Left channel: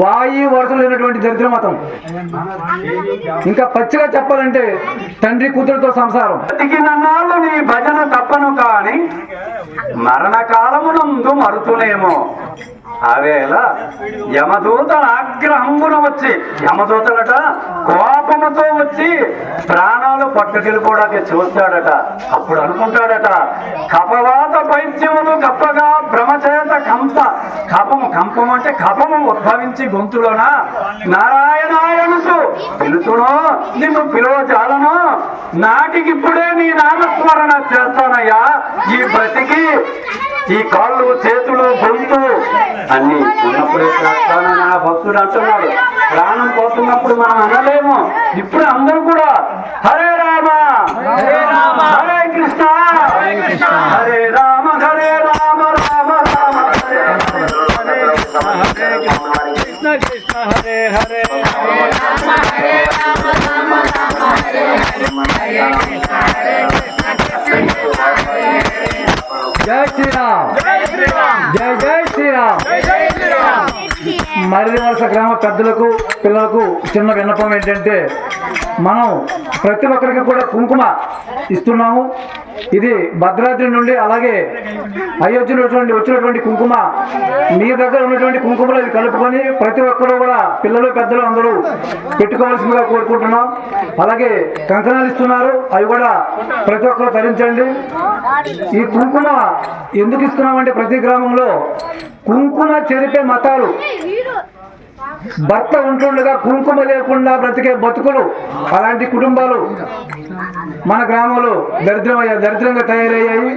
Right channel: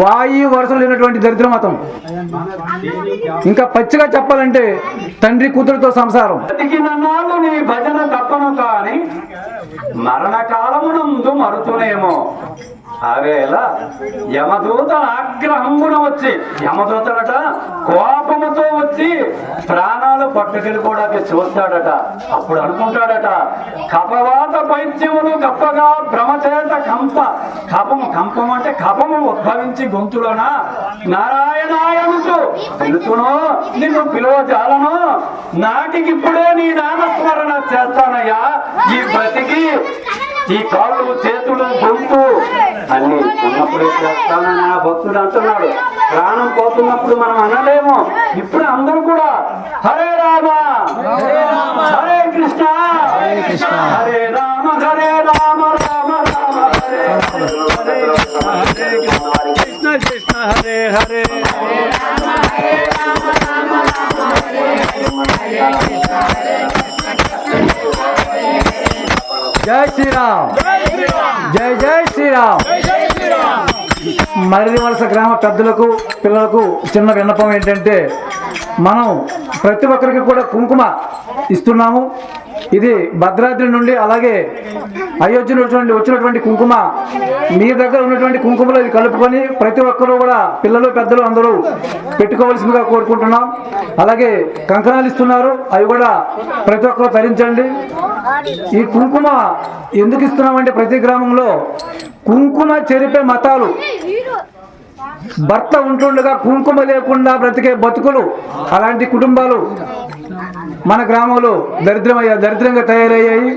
వాయు వరుసలు లేనటువంటి దరిద్ర మతం. ఇంకా పచ్చిగా చెప్పాలంటే తండ్రి కూతురుతో సంసారం. నీ భజన తప్పను కాని మరణ కాలమునందు మరుతునేమో అవేళ యమదూత ఆగ్రహమున వచ్చి యమదూతలట కోపముతో వచ్చి ప్రాణాలు పట్టుకెళ్ళిపోవడానికి చూస్తాడట. అప్పుడు అనుకుంటాడట కపవాత పైత్యములు కప్పగా భ్రమచేత కంప కపము కంపం అంటే కపము ఉద్భవించి గొంతులోన నారాయణాయనుచు పిలుచును నిన్ను పిలువ చాలను నాటికిప్పుడే నీ నామస్మరణ చేస్తానయ్యా. ఈ బ్రతికి ఈ కాళ్ళు చేతులు నా భక్తుడు అంటున్నాడు. ప్రాణం పోతున్నప్పుడు మనం అనలేము. ఇప్పుడు అందరూ కూడా హరే రామ హరే కృష్ణ హరే రామ హరే రామ రామ రామ హరే హరే హరే కృష్ణ కృష్ణ హరే హరే జై శ్రీరామ్. జై జై శ్రీరామ్. మరిది వలస గ్రామ పెద్దలకు పిల్లలకు చిన్న విన్నపం ఏంటంటే మనం ప్రతి ఒక్కరికి కూడా కుంకుమ ఇస్తున్నాము. ఇది భద్రాద్రి నుండి అలాగే అయోధ్యలో వచ్చినటువంటి కుంకుమ. మీ దగ్గర ఉన్నటువంటి కుంకుమలో ఇది కలుపుకొని ప్రతి ఒక్కరూ కూడా పిల్లలు పెద్దలు అందరూ పెట్టుకోవాల్సిందిగా కోరుకుంటున్నాం. అలాగే కంకణాలు ఇస్తున్నారు. అవి కూడా ప్రతి ఒక్కరు ధరించండి. ఈ కుంకుమ ఎందుకు ఇస్తున్నామంటే ప్రతి గ్రామంలో కుంకుమ చెరిపే మతాలు. భర్త ఉంటుండగా కుంకుమ లేకుండా బ్రతికే బతుకులు అలాంటి కుటుంబాలు మన గ్రామంలో దరిద్రం దరిద్రంగా తయారయ్యాయి.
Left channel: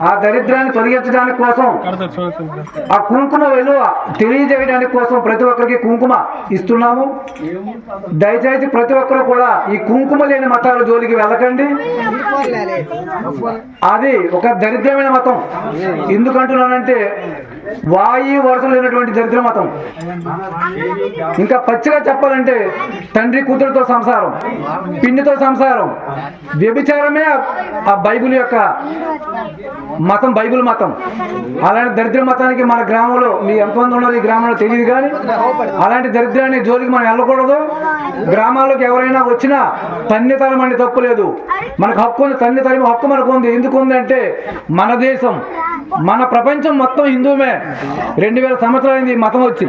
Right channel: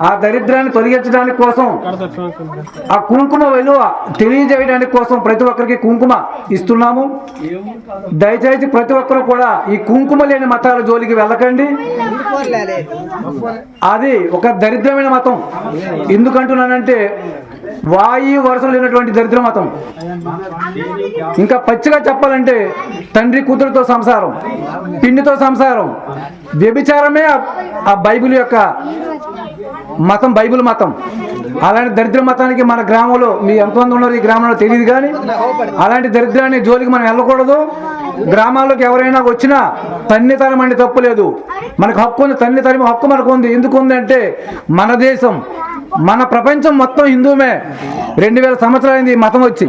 ఆ దరిద్రాన్ని తొలగించడానికి కోసం ఆ కుంకుమ విలువ తెలియజేయడానికి కోసం ప్రతి ఒక్కరికి కుంకుమ ఇస్తున్నాము. దయచేసి ప్రతి ఒక్కరు కూడా ఈ కుంకుమ లేని మతాల జోలికి వెళ్ళకండి. అది ఒక దరిద్రమైన మతం. ఎందుకంటున్నానంటే వాయు వరుసలు లేనటువంటి దరిద్ర మతం. ఇంకా పచ్చిగా చెప్పాలంటే తండ్రి కూతురుతో సంసారం పిండితో సంసారం వ్యభిచారమే ఆ- బైబిల్ యొక్క మతం బైబిల్ మతం. అలాంటి దరిద్ర మతానికి మన గ్రామంలో మీ ఎంతమంది ఉన్నారు ఈ గ్రామంలో తెలియదు కానీ అలాంటి దరిద్రాన్ని జోలికి మనం వెళ్ళకూడదు. గ్రామాల్లోకి ఎవరైనా వచ్చినా తన్ని తరమని తప్పు లేదు. మనకు హక్కు ఉంది తన్ని తరమి హక్కు మనకు ఉంది. ఎందుకు ఉంది అంటే మన దేశం మన ప్రపంచం మొత్తం హిందువుమే. రెండు వేల సంవత్సరాలైంది ఈ మతం వచ్చి.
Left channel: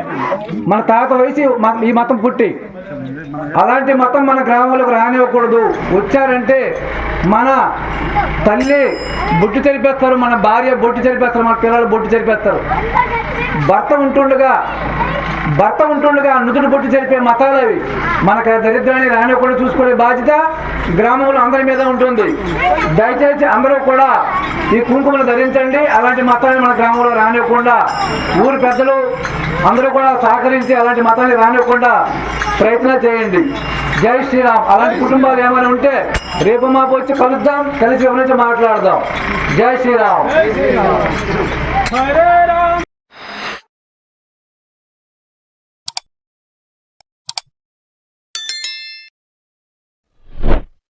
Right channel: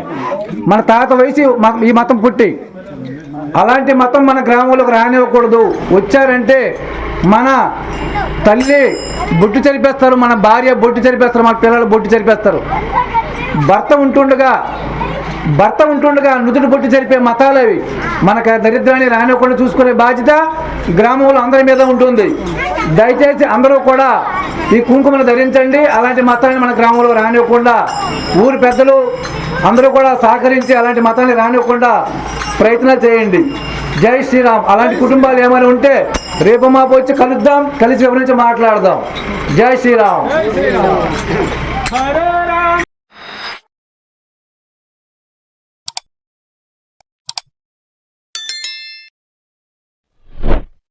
మన తాత వయసు ఈ మతం పుట్టి. అలాంటి మతం మన గ్రామంలోకి రానివ్వకూడదు. వచ్చారంటే మన తల్లి బొట్టు చరిపేస్తారు మన భార్య బొట్టు చరిపేస్తారు మన పిల్లలు బొట్టు చరిపేస్తారు. భర్త ఉంటుండగా భర్త ఉంటుండగా నుదుటి పొట్టి చెరిపే మతాలు అవి. మనకు దరిద్రాన్ని రానివ్వకుండా చూసుకునే బాధ్యత గ్రామంలో అందరి మీద ఉంటుంది. దయచేసి అందరూ కూడా ఈ కుంకుమలు ధరించండి. అలాంటి మతాన్ని మన గ్రామంలో రానివ్వకుండా ఊరు పెద్దలు అందరూ కూడా సహకరించి అలాంటి మతాన్ని రానివ్వకుండా ప్రయత్నాలు చేయండి. జై శ్రీరామ్. అలాంటి కుటుంబాలు ఏమైనా ఉంటే రేపు మాపు వచ్చి కలుద్దాం. కలిసి వివరించి మాట్లాడదాం. జై శ్రీరామ్.